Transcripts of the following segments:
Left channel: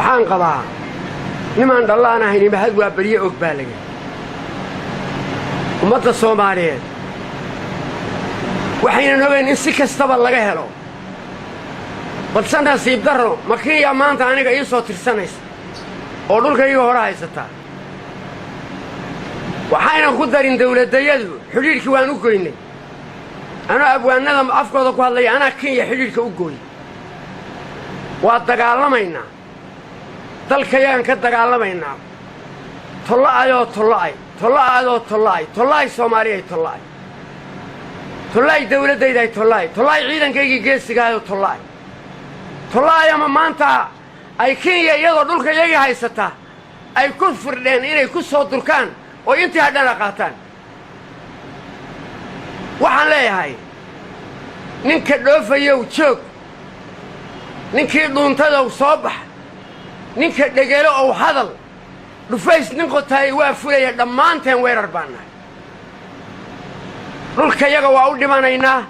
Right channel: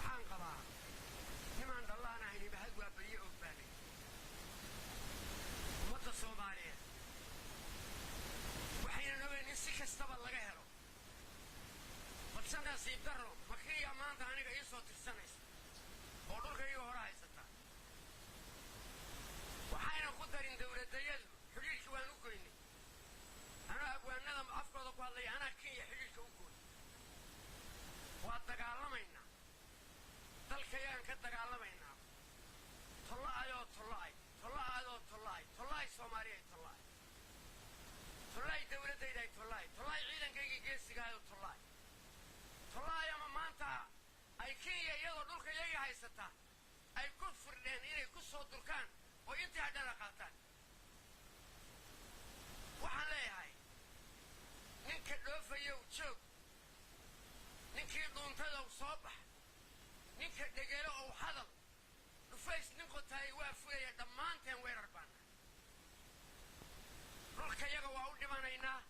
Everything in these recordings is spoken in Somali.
waxaan qabaa nimaan dhallaan ahayn mahad waa bariye og baa laga ummadda Soomaaliyeed waxayna ogeyn in si kastaba laga helo balse nasiib darro makiya maanta aniga ii soo tirsanaysa oo dhulkayga hore haysata waxayna ku darin dawladayadu xiriirkii waan u goynay ana abwaanada afkooda ku hadlay ana Kenya xiriirka u gooy waa dagaalamayna dalkayaan ka dagaalamayna tollaay Soomaaliyeed tollaay dawladayda tollaay ciidankayga geesigaado tollaay ama maanta ay Kenya iyadoo dhulkayga haysata ay ku firdeen inay ku soo durkaan oo intii hadana qaataan waxaan leeyahay ninka dhoofayow joog ninkii dhuuntada soo bax ninka dhagalo oo hadal dhufays nin qotay waa fulaya dhammaanteen weerar baanahay dhulkayaga waa u dhimanaynaa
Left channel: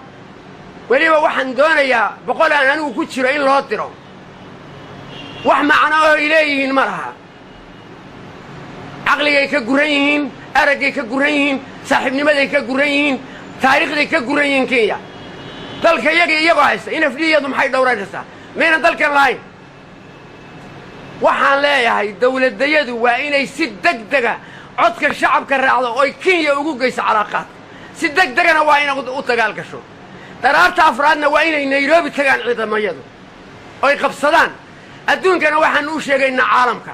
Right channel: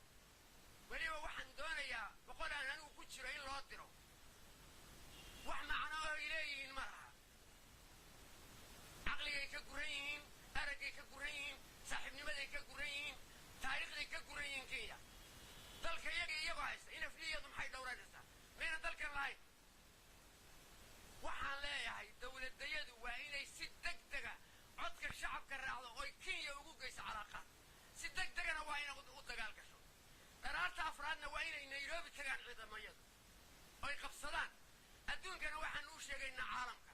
weliba waxaan doonayaa boqol aan anigu ku jiro in loo diro wax macno oo ileeyihiin ma laha caqligay ka guran yihiin aragay ka guran yihiin saaxiibnimaday ka guran yihiin taariikhday ka guran yihiin Kenya dalkayaga iyagoo haysta in afdiyadu maxay dhowranaysaa meena dalkan lahayn waxaan leeyahay dawladayadu waa inay si degdega codka shacabka raacdo oo Kenya ugu geyso calaaqaad si degdegana waa inay u dagaal gasho daraarta afraadna waa inay Nairobi tagaan ciidamayadu oo qabsadaan adduunkana waxaan u sheegaynaa caalamka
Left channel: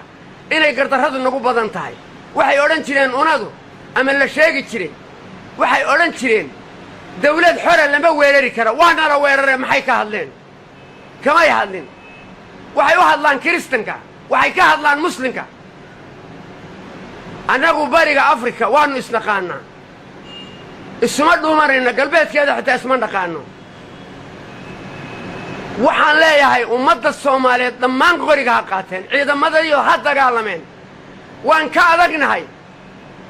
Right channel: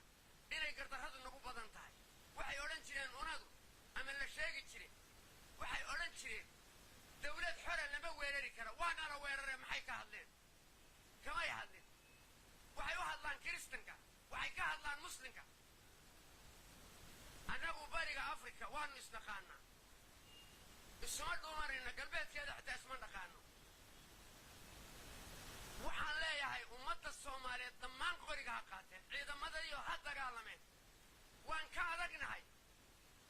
inay gardarradu nagu badan tahay waxay oran jireen unadu ama la sheegi jiray waxay oran jireen dawlad xor ah lama weerari karo waana la weeraray maxay ka hadleen kamay hadlin waxay u hadlaan kristanka waxay ka hadlaan muslimka anagu bariga Afrika waanu isnaqaanaa isma dhuumarayna galbeedkeeda xitaa isma dhaqaano waxaan leeyahay ummadda Soomaaliyeed dhammaan qoriga ha qaateen ciidamada iyo ha dagaalameen waan ka adagnahay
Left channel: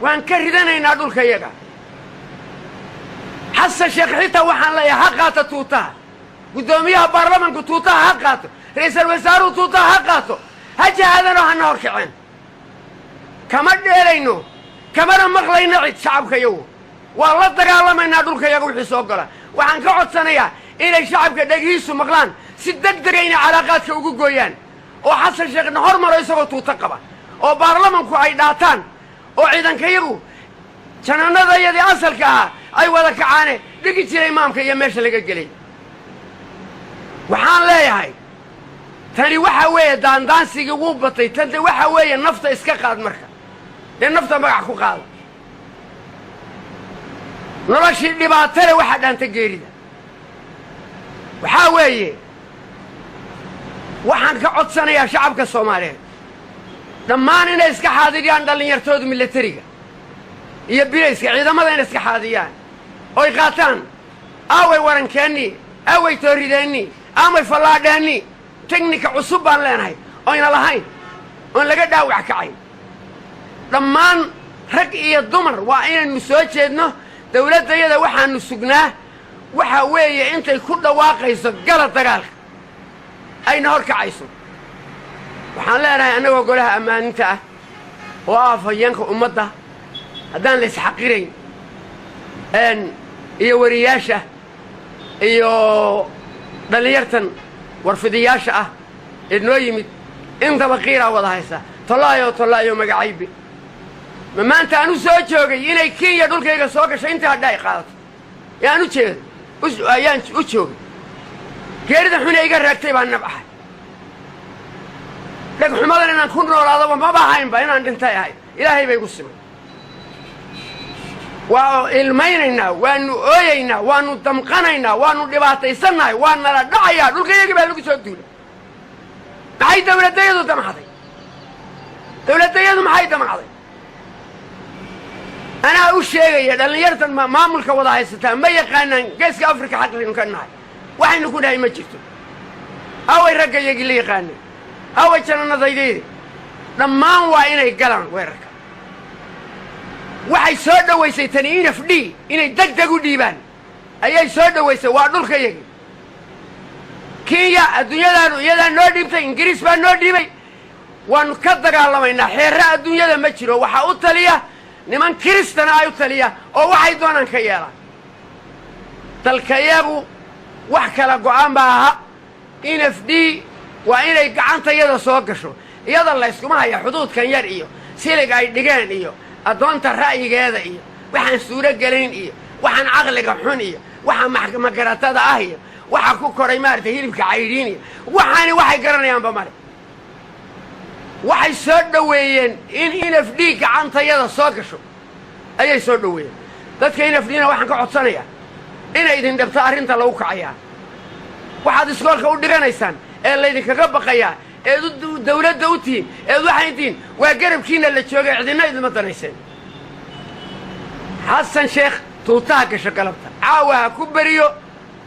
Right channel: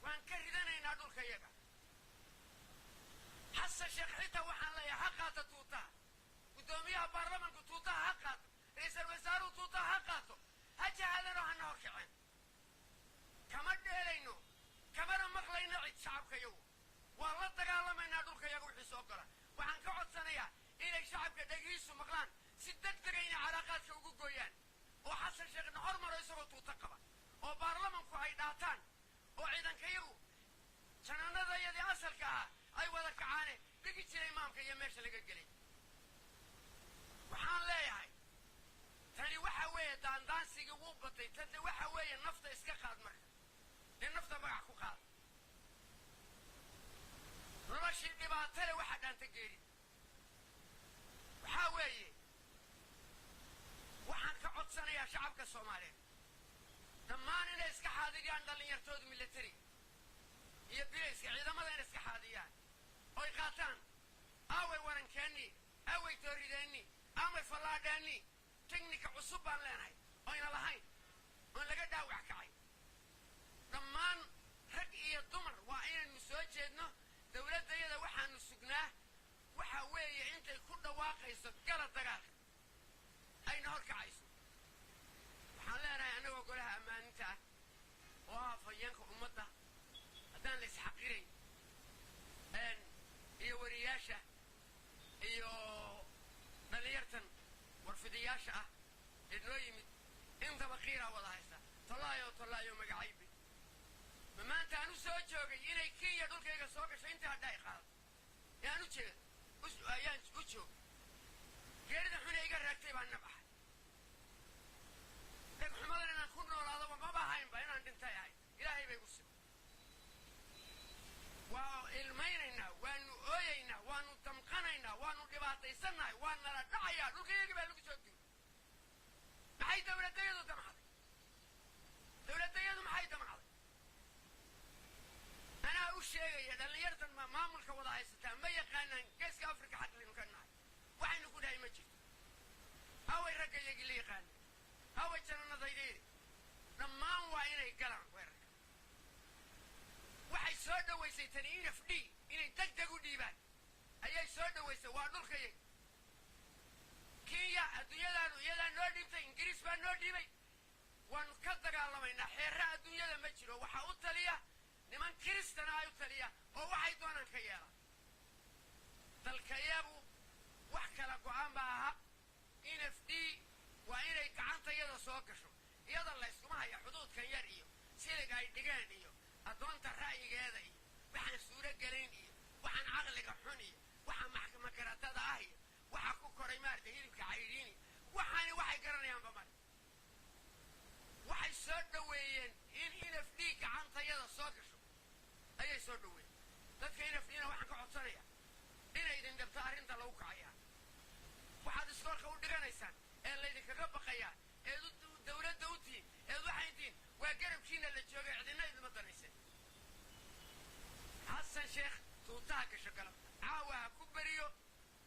waan ka ridanaynaa dhulkayaga xasan sheekh xitaa waxaan leeyahay ha qaata tuutaha gudoomiyaha baarlamaanku tuutaha ha qaato ra'iisul wasaaruhu tuutaha ha qaato ha jahadano hana horkiceen kama dheelayno kamana maqlayno cid shacabkayagu waa la dagaalamayna dhulkayaga wixii soo gala waxaan ka codsanayaa inay shacabka dhagiisu maqlaan si degdeg ah inay calaaqaadka ugu gooyaan oo xasan sheekhna hormaro isagoo tuuta qaba oo baarlamaanku ay dhaataan oo ciidankayagu janaanadayadii asalka ah ay wada kacaane dhigi jiray imaamka iyo meesha laga gelay waxaan leeyahay tani waxa weeye daandaansigii ugu batay tanta waxa weeye nafta iska qaad marka dee nafta magac ku qaada noloshii dhibaatale waxa dhaanta geerida waxaa weeye waxaan ka codsanayaa shacabka Soomaaliyeed dhammaan inay iska xaadiriyaan dhalinyartooda militariga iyo bilayska ciidamada inay iska xaadiriyaan oo qaataan away warankeeni away toorideeni amay falaadheeni teknika cusub baan leenahay oo ina lahayn oo laga dhaawac kacay dhammaan rag iyo dumar waa inaynu soo jeedno dawladayada waxaanu sugnaa waxa weeye intay ku dhawaaqayso gala dagaalka ayna horkacayso waxaan leenahay anagoo golaha amaaninta ah oo afayeenka ummadda haddaan la isxaqirayn iyo wariyaasha iyo dhalinyartan warfidiyaasha ah ee noo yimid intaba qiira wada haysa tollaayo magacaybi ma maanta aanu soo joogay inay Kenya dhulkayga soo gashay inta hadda ay qaadato yaan u jeedo ayaan u joogay geerida xun iga raagtay baan nabaxay dhag xumadan inaan ku noolaado ma baahaynba inaan dhintay ahay ilaahay bay igu simay waa ilmaynaynaa waanu ooyaynaa waanu damqanaynaa waanu dhibaataysanahay waa nala dhacayaa dhulkayga baa lagu soo duulay maxay dawladayadu damacday dawladayadu maxay damacday anaa u sheegaya dhalinyartan maamulka wada haysataa ma yaqaanaan geeska Afrika xaqlinu ka nahay waxaynu ku dhahay ma jirto away raggayagii la yaqaanay away jannadaydeeda dhammaan waa inay galaan weerarka waxay soo dhawaysay tani NFD inay degdeg u dhiibaan ayay soo dhawaysay waa dhulkayagii Kenya adduunyadaanu iyadaa noo dhiibtay Ingiriis baa noo dhiibay ونكدر على مينا حراء الدنيا لما تشيروا وحاول تليه نمن كريستنا أيو تليه أو واحد دونا كيالا تلكيابو وحكلا قعان بها إن فدي وإن يقعان تيدا سوقشو يدا الله يسكمها يا حدود كان يرئيو سيلك أي دقان إيو أدوانت الرأي هذا إيو وحن سورة قلين إيو وحن عقل قحون إيو وحن محكمة قراتادا أهيو وحن كوكوري مارتا هيلبك عايرين إيو وحي قراني أنبا مالي waxay soo dhaweeyeen in inafdhiig gacantayada soo gasho ayay soo dhaweeyeen dadka inafdhiina waxaan ka codsanayaa inay idin dhabto arrinta lagu kacayaa waxaad iskoolka u dhiganaysaan ee laydinkaga baqayaa ee dawladda u tihiin ee waxay tihiin waa garabkiina la joogay cidina idinma danayseen xasan sheekh tuutaha gasho galabta caawa ha ku beriyo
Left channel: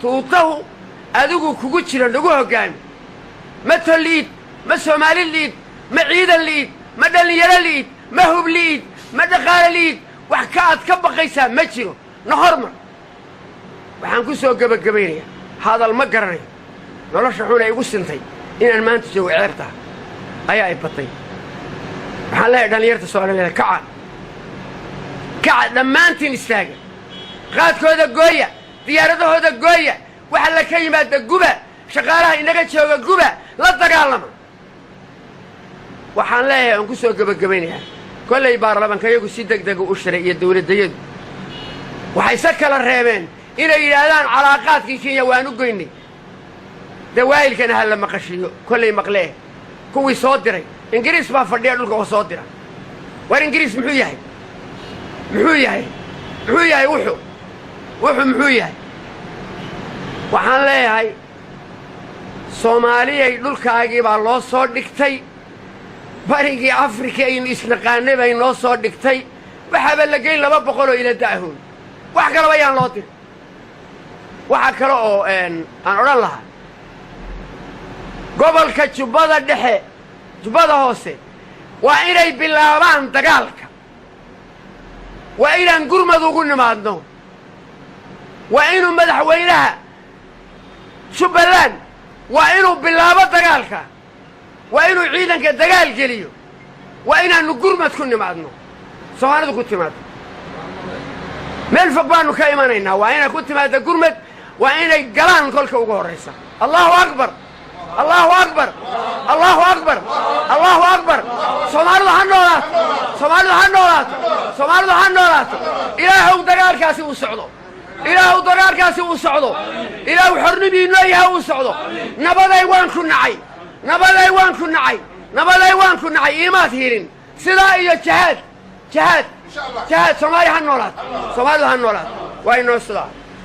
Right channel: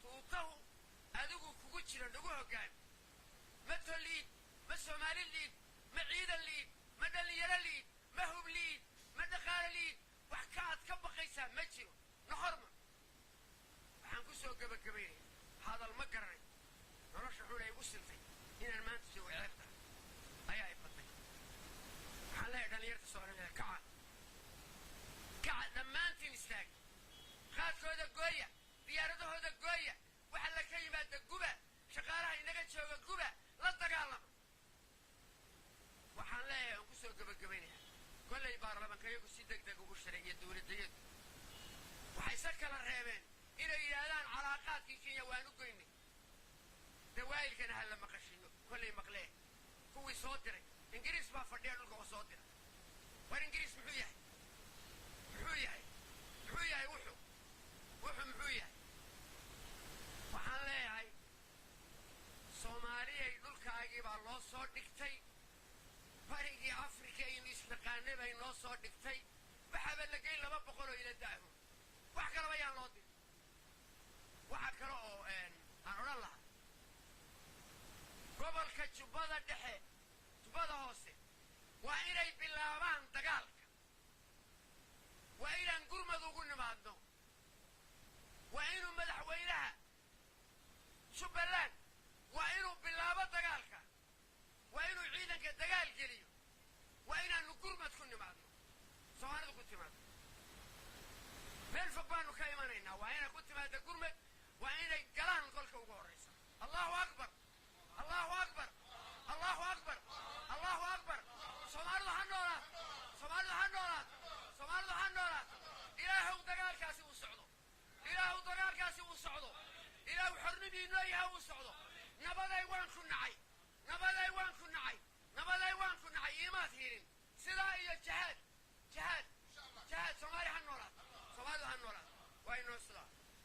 tuutahu adigu kugu jira nagu hoggaami ma toliid ma soomaali liid ما عيدا ليد ما دلنيرا ليد ما هوب ليد ما دقال ليد وحكاات كبقيسا ما جيرو نهرمر waxaan ku soo gabagabeynaya hadal ma garanay nolosha xun ay ugu sintay inaan maanta soo ceebta ayaa ay batay waxaan leeyahay dhalinyarta Soomaaliyeed kaca dhammaantiin istaaga qaadkooda gooya diyaaradahooda gooya waxa la ka yimaada guba shaqaalaha inaga jooga guba la dagaalama waxaan leeyahay aan ku soo gabagabeynaya kollay baarlamaankayagu si degdeg u shiray iyo dawladayadu waxay sa kala reebeen inay yiraahdaan calaaqaadkii Kenya waan u goynay dawaayilkana hal ma qashiyo kollay maqlee kuwii soo diray ingiriis baa fadhiya dhulka oo soo dira war ingiriis muxuu yahay muxuu yahay waxaan leeyahay Soomaaliyay dhulkaagii baa loo soo dhigtay barigii Afrika aynu isnaqaanay bay noo soo dhigtay waxaba la geey 200 oo ila daahoon wax kale ayaan loo dir waxa kale oo aan oran lahaa gobolka Jubbada dhexe Jubbada hoose waa inay bilaabaan dagaalka waa inaan gurmad ugu nimaadno waa inuu madaxweynaha Jubbaland waa inuu bilaabo dagaalka وإنه عيدان كدقال جليو وإنه نقرمة كن معدنو سوانده كنت معدنو من فقبانو كايمانينا وإنه كنت معدنو قرمة وإنه قلان كل كوغو الرئيسة الله أكبر الله أكبر الله أكبر الله أكبر سوانده هنولات سوانده هنولات إلهو دقال كاسي وسعودو إلهو دقال كاسي وسعودو إلهو حرنبي إنه وسعودو نبضي وان كن نعي نبالي وان كنا عي إيمات هيرين سلاء جهاد سومالي هنولات وإنه السلاء